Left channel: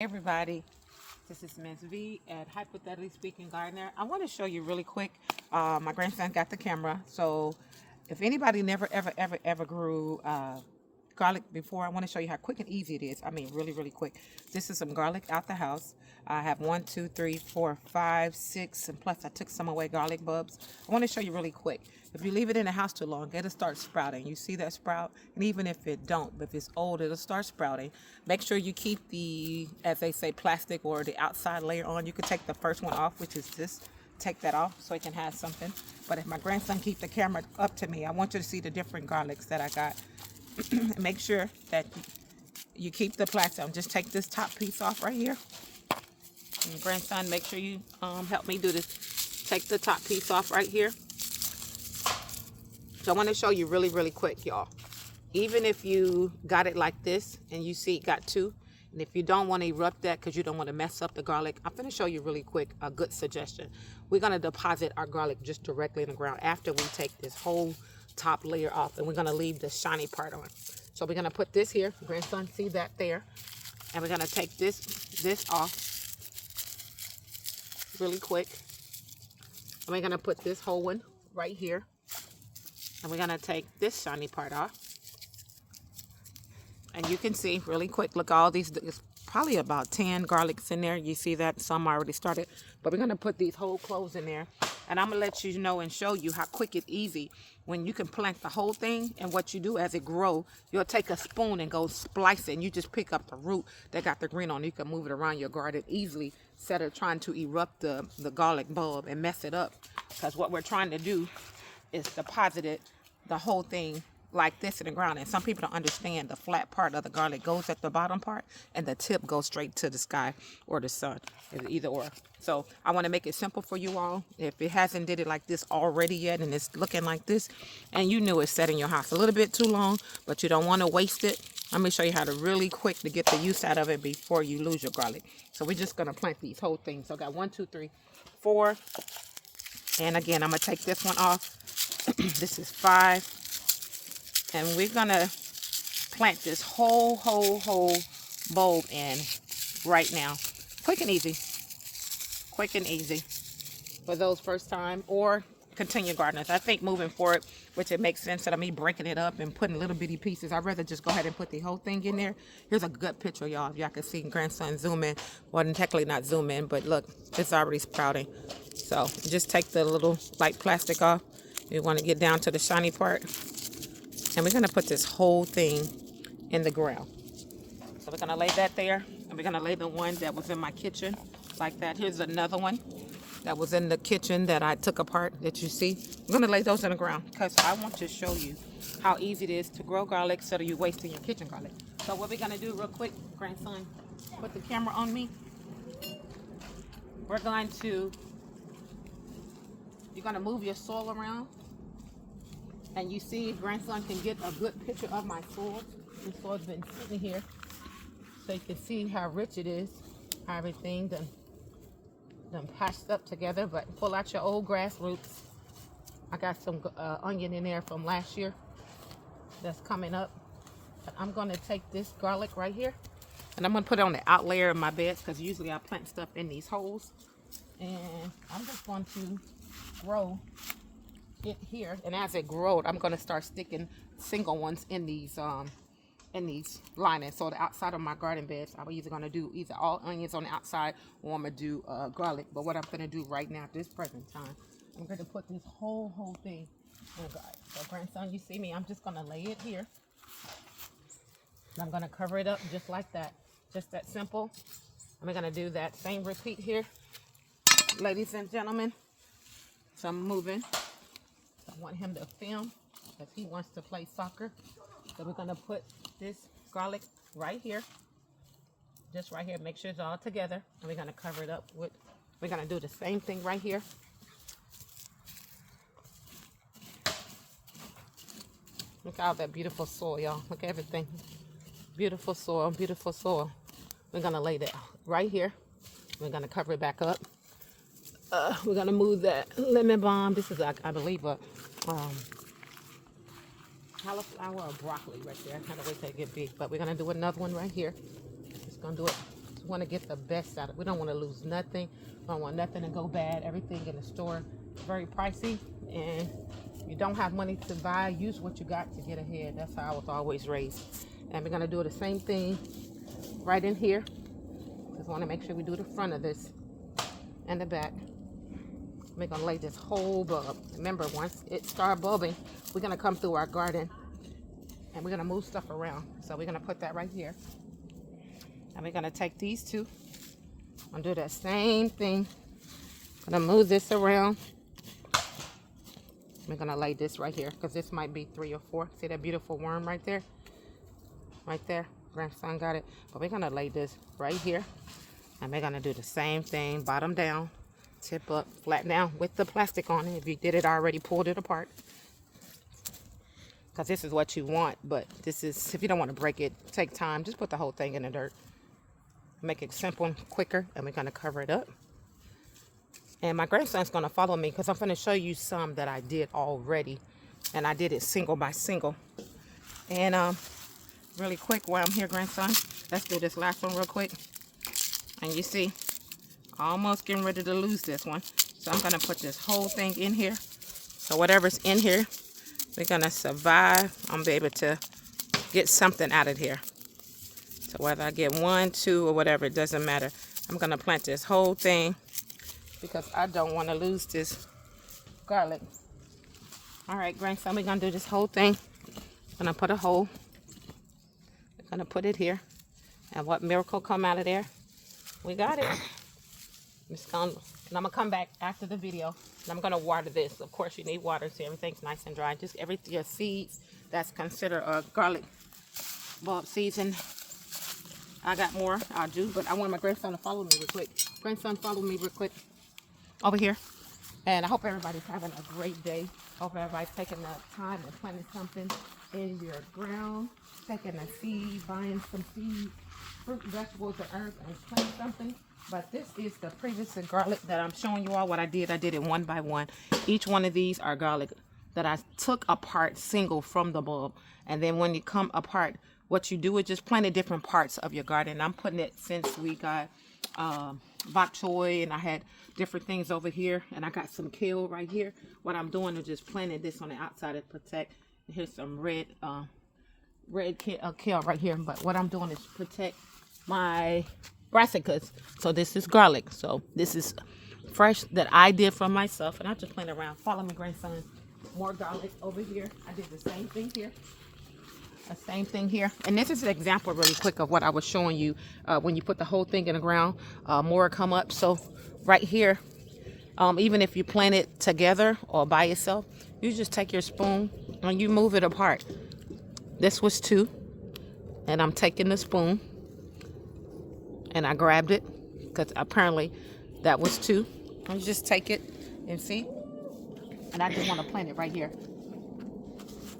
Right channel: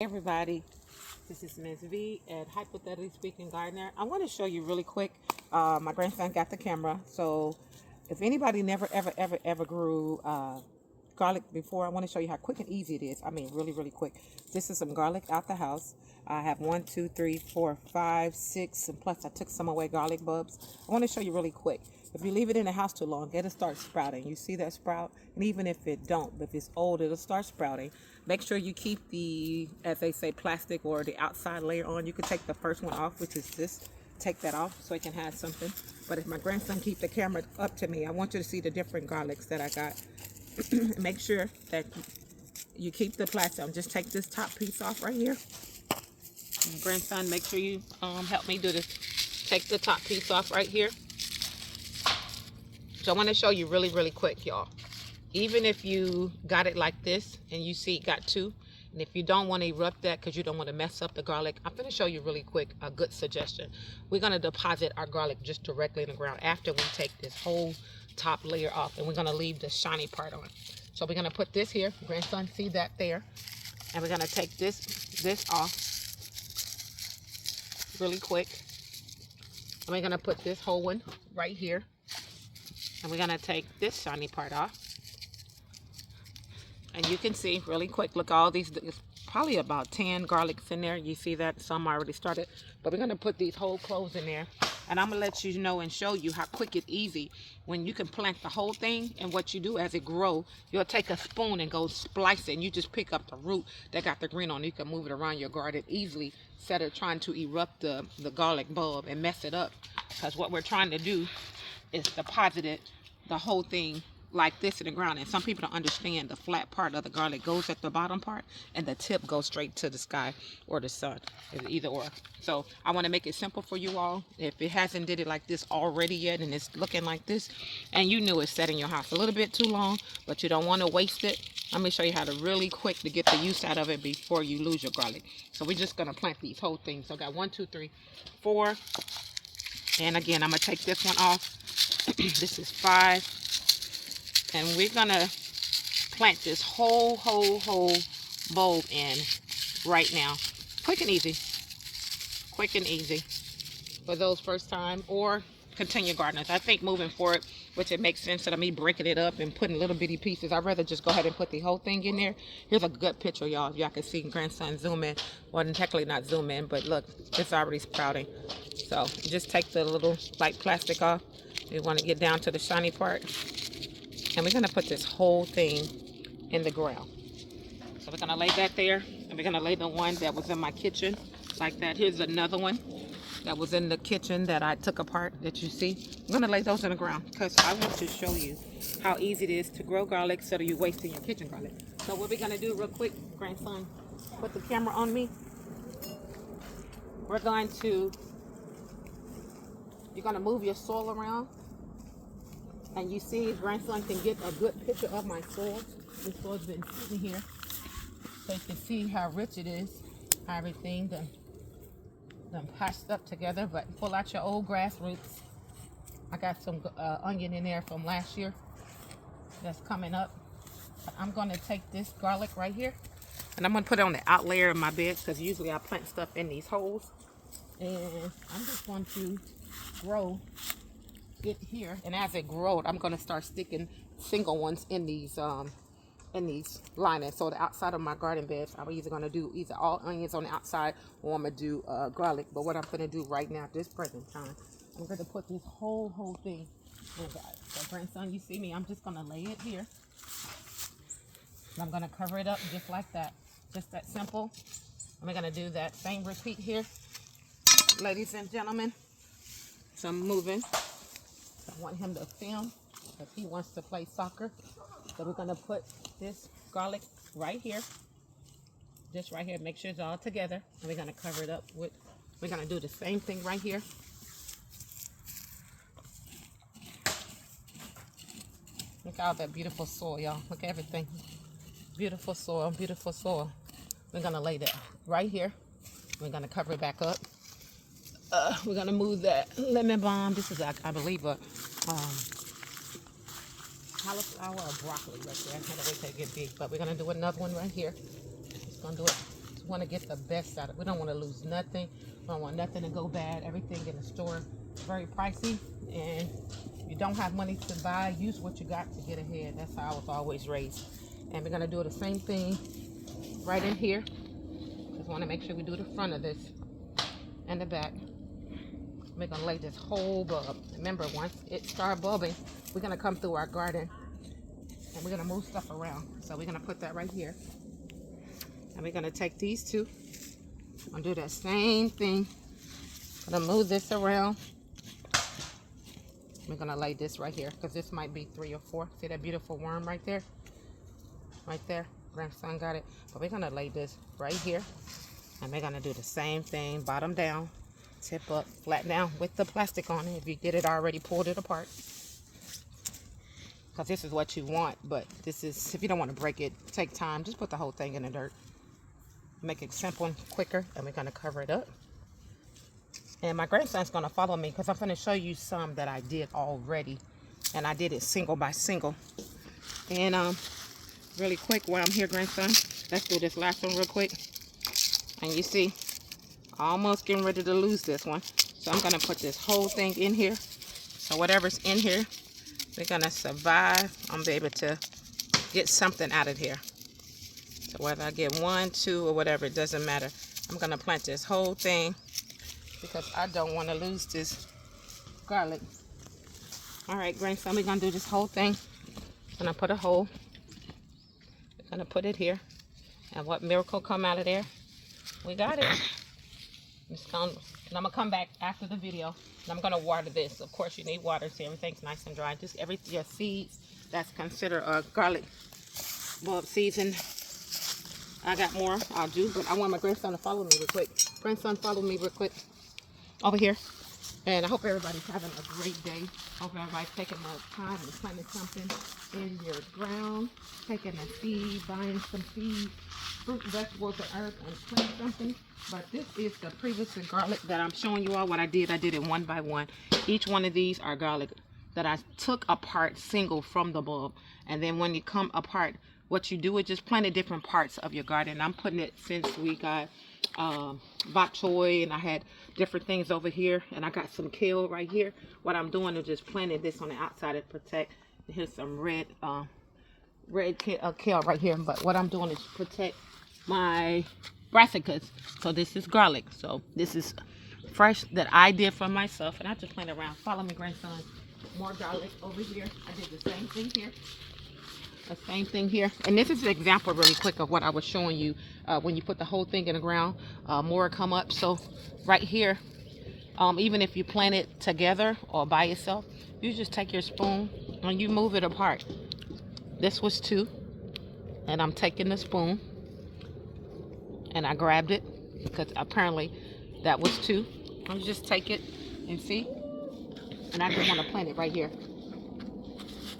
Hey everybody, this is Ms. V at Hypothetically Speaking Gardener. I want to show you really quick. My grandson got the camera, so if anybody never ever grew garlic before, I want to show you how quick and easy it is. I mean, really quick. This is some garlic out the house. I have 1, 2, 3, 4, 5, 6, and plus I took some away garlic bulbs. I want to show you really quick. If you leave it in the house too long, it'll start sprouting. You see that sprout? And even if it don't, if it's old, it'll start sprouting. Make sure you keep the, as they say, plastic or the outside layer on. You can take the first one off, which is this. Take that off so it can have something. But if my grandson keep the camera up to me, I want you to see the different garlics that I got. Make sure that you keep the plastic. Just take this top piece off right here. And grandson, make sure you help me do this. Take the top piece off right here. So I want to show you really quick, y'all. Even if you got it like this and you see it got two, and if you don't want to erupt that because you don't want to mess up the garlic, I'm going to show you really quick a good suggestion. We're going to deposit our garlic just directly in the ground after we take this whole top layer off, and we're going to leave the shiny part on. So we're going to put this here. Grandson, see that there? And we're going to take this off really quick. And we're going to put this whole one right here. And we're going to take this shiny part off. And you can see really quick, look, all these, there's probably about 10 garlics in there. You see that? Some already started. But we're going to put these whole cloves in there. And I'm going to let you know and show you how quick and easy when you can plant the whole thing. And what you do as it grows, you'll take a spoon and go splice it. And you just pick up the root that got the green on it. You can move it around your garden easily instead of trying to erupt the garlic bulb and mess it up. Because what we're trying to do is deposit it, the whole thing, like this in the ground. And some people don't understand the flat part of the garlic goes at the bottom part and the tip goes straight to the sky or the sun, either or. So I want to make it simple for you all. If it hasn't did it like this already yet and it's looking like this and you knew it's set in your house a little bit too long, but you don't want to waste it, let me show you how to really quick to get the use out of it before you lose your garlic. So we're just going to plant these whole things. So I got 1, 2, 3, 4. And again, I'm going to take this one off. This is 5. And we're going to plant this whole bulb in right now. Quick and easy. Quick and easy for those first time or continue gardeners. I think moving forward, which it makes sense instead of me breaking it up and putting little bitty pieces, I'd rather just go ahead and put the whole thing in there. Here's a good picture, y'all. Y'all can see grandson zoom in. Well, technically not zoom in, but look, it's already sprouting. So just take the little light plastic off. You want to get down to the shiny part. And we're going to put this whole thing in the ground. So we're going to lay that there. And we're going to lay the one that was in my kitchen like that. Here's another one that was in the kitchen that I took apart that you see. I'm going to lay those in the ground because I want to show you how easy it is to grow garlic so that you're wasting your kitchen garlic. So what we're going to do real quick, grandson, put the camera on me. We're going to, you're going to move your soil around. And you see, grandson can get a good picture of my soil. The soil's been sitting here. So you can see how rich it is. How everything done patched up together. But pull out your old grass roots. I got some onion in there from last year that's coming up. I'm going to take this garlic right here. And I'm going to put it on the out layer of my bed because usually I plant stuff in these holes. And I'm just going to grow it here, and as it grows, I'm going to start sticking single ones in these linings. So the outside of my garden beds, I'm either going to do either all onions on the outside or I'm going to do garlic. But what I'm going to do right now at this present time, I'm going to put this whole thing in the garden. So grandson, you see me, I'm just going to lay it here. And I'm going to cover it up just like that. Just that simple. I'm going to do that same repeat here, ladies and gentlemen. So I'm moving. I want him to film if he wants to play soccer. So we're going to put this garlic right here. Just right here. Make sure it's all together. And we're going to cover it up with, we're going to do the same thing right here. Look at all that beautiful soil, y'all. Look at everything. Beautiful soil, beautiful soil. We're going to lay that right here. We're going to cover it back up. We're going to move that lemon balm. This is, I believe, a cauliflower or broccoli right there. I can't wait till it get big. But we're going to do another one right here. Just going to do it want to get the best out of it. We don't want to lose nothing. We don't want nothing to go bad. Everything in the store is very pricey, and you don't have money to buy, use what you got to get ahead. That's how I was always raised. And we're going to do the same thing right in here. Just want to make sure we do the front of this and the back. We're going to lay this whole bulb. Remember, once it starts bulbing, we're going to come through our garden and we're going to move stuff around. So we're going to put that right here. And we're going to take these two and do the same thing. I'm going to move this around. We're going to lay this right here because this might be 3 or 4. See that beautiful worm right there? Right there. Grandson got it. But we're going to lay this right here. And we're going to do the same thing, bottom down. Tip up, flat down with the plastic on it. If you did it already, pulled it apart. Because this is what you want, but this is, if you don't want to break it, take time, just put the whole thing in the dirt. Make it simple and quicker, and we're going to cover it up. And my grandson's going to follow me because I'm going to show you some that I did already. And I did it single by single. And really quick while I'm here, grandson, let's do this last one real quick. And you see, almost getting ready to lose this one. So I'm going to put this whole thing in here. So whatever's in here, we're going to survive. I'm going to be able to get something out of here. So whether I get 1, 2, or whatever, it doesn't matter. I'm going to plant this whole thing because I don't want to lose this garlic. All right, grandson, we're going to do this whole thing. I'm going to put a hole. We're going to put it here. And what miracle come out of there? We got it. And I'm gonna come back after the video and I'm gonna water this. Of course, you need water so everything's nice and dry. Just your seeds that's considered garlic bulb seeds, and I got more I'll do, but I want my grandson to follow me real quick. Grandson, follow me real quick over here. And I hope everybody's having a great day. I hope everybody's taking that time and planting something in your ground, taking a seed, buying some seeds, fruit, vegetables, and herbs, and plant something. But this is the previous garlic that I'm showing you all what I did. I did it one by one. Each one of these are garlic that I took apart single from the bulb. And then when you come apart, what you do is just plant different parts of your garden. I'm putting it since we got bok choy, and I had different things over here, and I got some kale right here. What I'm doing is just planting this on the outside to protect. Here's some red kale right here, but what I'm doing is protect my brassicas. So this is garlic. So this is fresh that I did for myself, and I just plant around. Follow me, grandson. More garlic over here. I did the same thing here. The same thing here. And this is an example really quick of what I was showing you when you put the whole thing in the ground. More come up. So right here, even if you plant it together or by yourself, you just take your spoon and you move it apart. This was 2, and I'm taking the spoon and I grabbed it because apparently that was 2. You just take it and see, and I just want to plant it right here.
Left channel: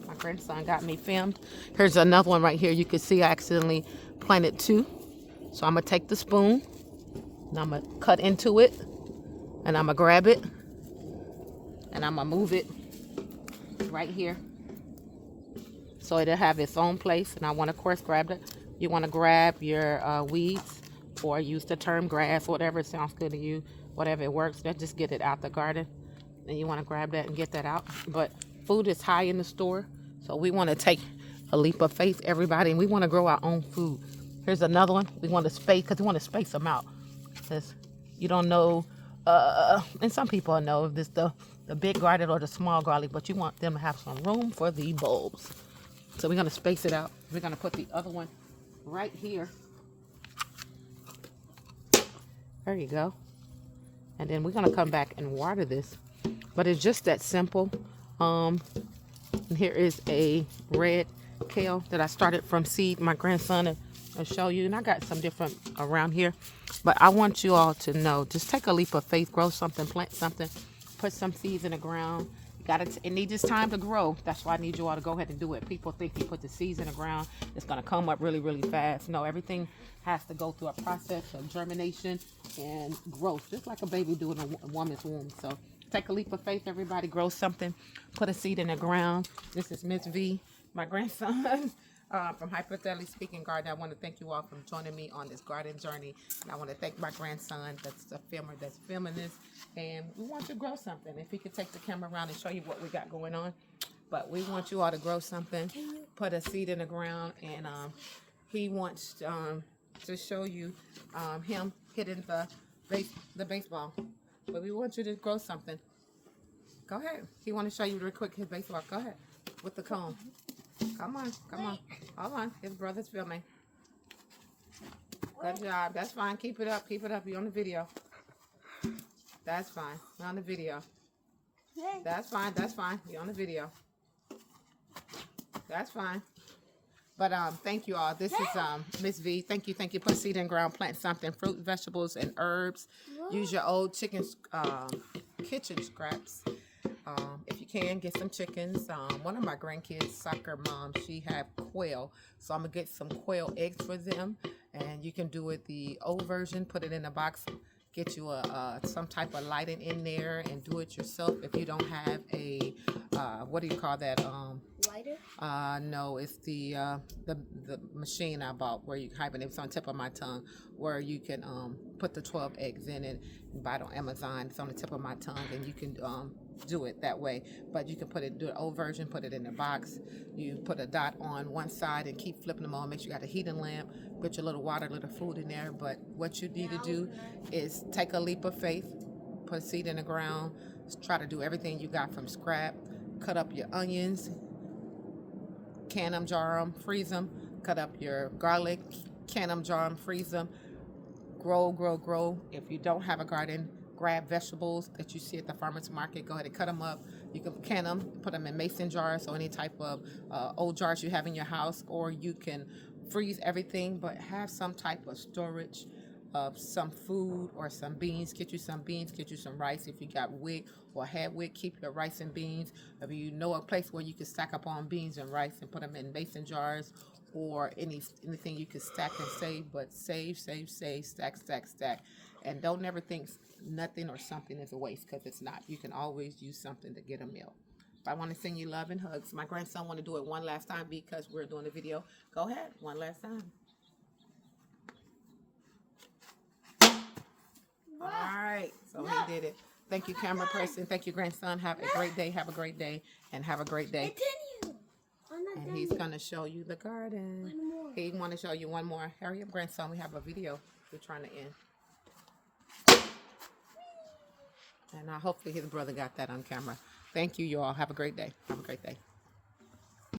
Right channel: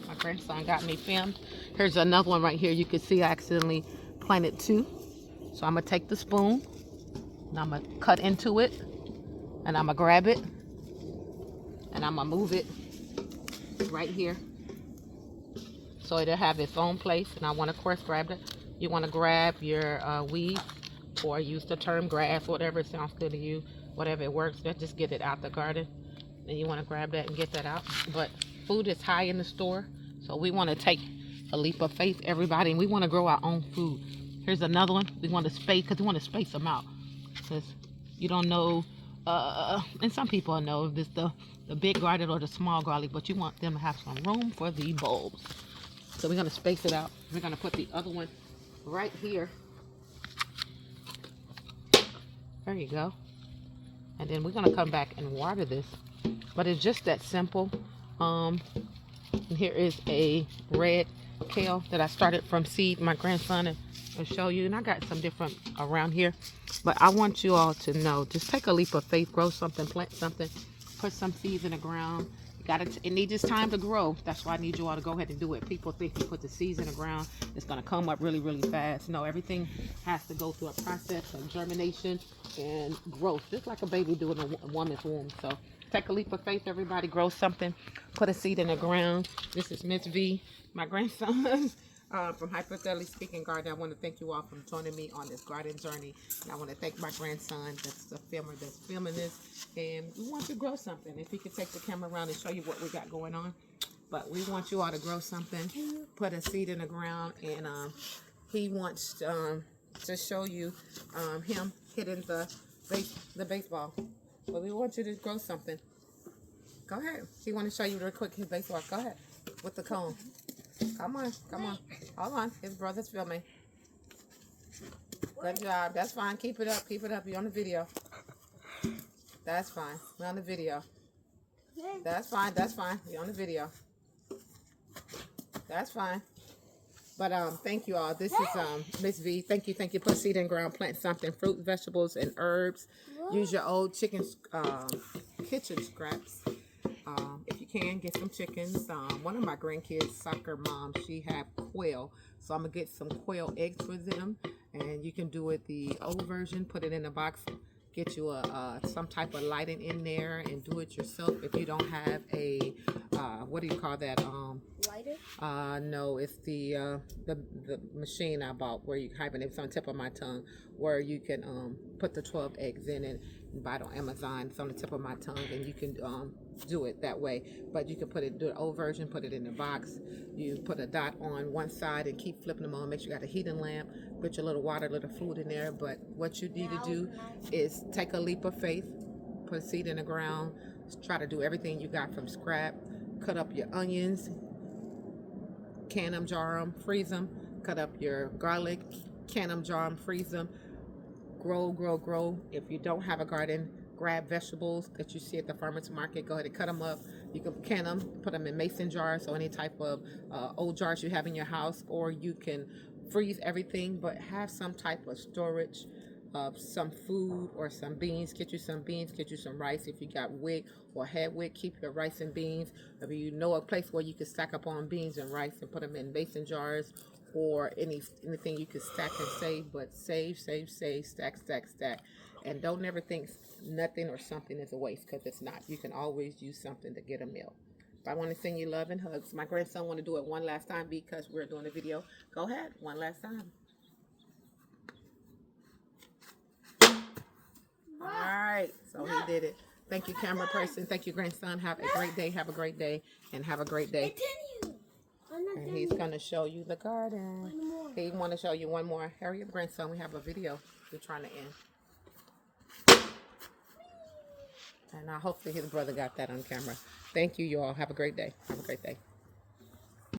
My grandson got me filmed. Here's another one right here. You can see I accidentally planted 2. So I'm gonna take the spoon and I'm gonna cut into it, and I'm gonna grab it and I'm gonna move it right here so it'll have its own place. And I want to, of course, grab it. You want to grab your weeds, or use the term grass, whatever sounds good to you, whatever it works. Just get it out the garden. Then you want to grab that and get that out. But food is high in the store, so we want to take a leap of faith, everybody, and we want to grow our own food. Here's another one. We want to space, because we want to space them out, because you don't know, and some people know if it's the big garlic or the small garlic, but you want them to have some room for the bulbs. So we're going to space it out. We're going to put the other one right here. There you go. And then we're going to come back and water this. But it's just that simple. Here is a red kale that I started from seed. My grandson will show you. And I got some different around here. But I want you all to know, just take a leap of faith. Grow something, plant something, put some seeds in the ground. It needs its time to grow. That's why I need you all to go ahead and do it. People think you put the seeds in the ground, it's going to come up really, really fast. No, everything has to go through a process of germination and growth, just like a baby doing a woman's womb. So take a leap of faith, everybody. Grow something. Put a seed in the ground. This is Miss V, my grandson. from Hyperthetically Speaking Gardener. I want to thank you all for joining me on this garden journey. And I want to thank my grandson that's the filmer that's filming this. And we want to grow something. If he could take the camera around and show you what we got going on. But we want you all to grow something, put a seed in the ground, and he wants to show you him hitting the baseball. But we want you to grow something. Go ahead. He want to show you real quick his baseball. Go ahead with the cone. Come on, come on. Hold on. His brother's filming. Good job. That's fine. Keep it up. Keep it up. You're on the video. That's fine. We're on the video. That's fine. That's fine. You're on the video. That's fine. But thank you all. This is Miss V. Thank you. Thank you. Put seed in ground. Plant something. Fruit, vegetables, and herbs. Use your old chicken kitchen scraps. If you can, get some chickens. One of my grandkids, soccer mom, she have quail. So I'm going to get some quail eggs for them. And you can do it the old version. Put it in a box. Get you some type of lighting in there and do it yourself. If you don't have a, what do you call that? Lighter? No, it's the machine I bought where you hibernate. It's on the tip of my tongue, where you can put the 12 eggs in it and buy it on Amazon. It's on the tip of my tongue, and you can do it that way. But you can do the old version, put it in the box. You put a dot on one side and keep flipping them on. Make sure you got a heating lamp. Put your little water, little food in there. But what you need to do is take a leap of faith, put seed in the ground, try to do everything you got from scrap. Cut up your onions, can them, jar them, freeze them. Cut up your garlic, can them, jar them, freeze them. Grow, grow, grow. If you don't have a garden, grab vegetables that you see at the farmer's market. Go ahead and cut them up. You can can them, put them in mason jars or any type of old jars you have in your house, or you can freeze everything, but have some type of storage of some food or some beans. Get you some beans, get you some rice. If you got wheat or had wheat, keep your rice and beans. If you know a place where you can stack up on beans and rice and put them in mason jars, or anything you can stack and save, but save, stack, stack, stack. And don't never think nothing or something is a waste, because it's not. You can always use something to get a meal. I want to send you love and hugs. My grandson want to do it one last time because we're doing a video. Go ahead, one last time. All right, so he did it. Thank you, camera person. Thank you, grandson. Have a great day. Have a great day. And have a great day. And he's going to show you the garden. He want to show you one more. Hurry up, grandson. We have a video we're trying to end. And hopefully his brother got that on camera. Thank you, you all. Have a great day. Have a great day.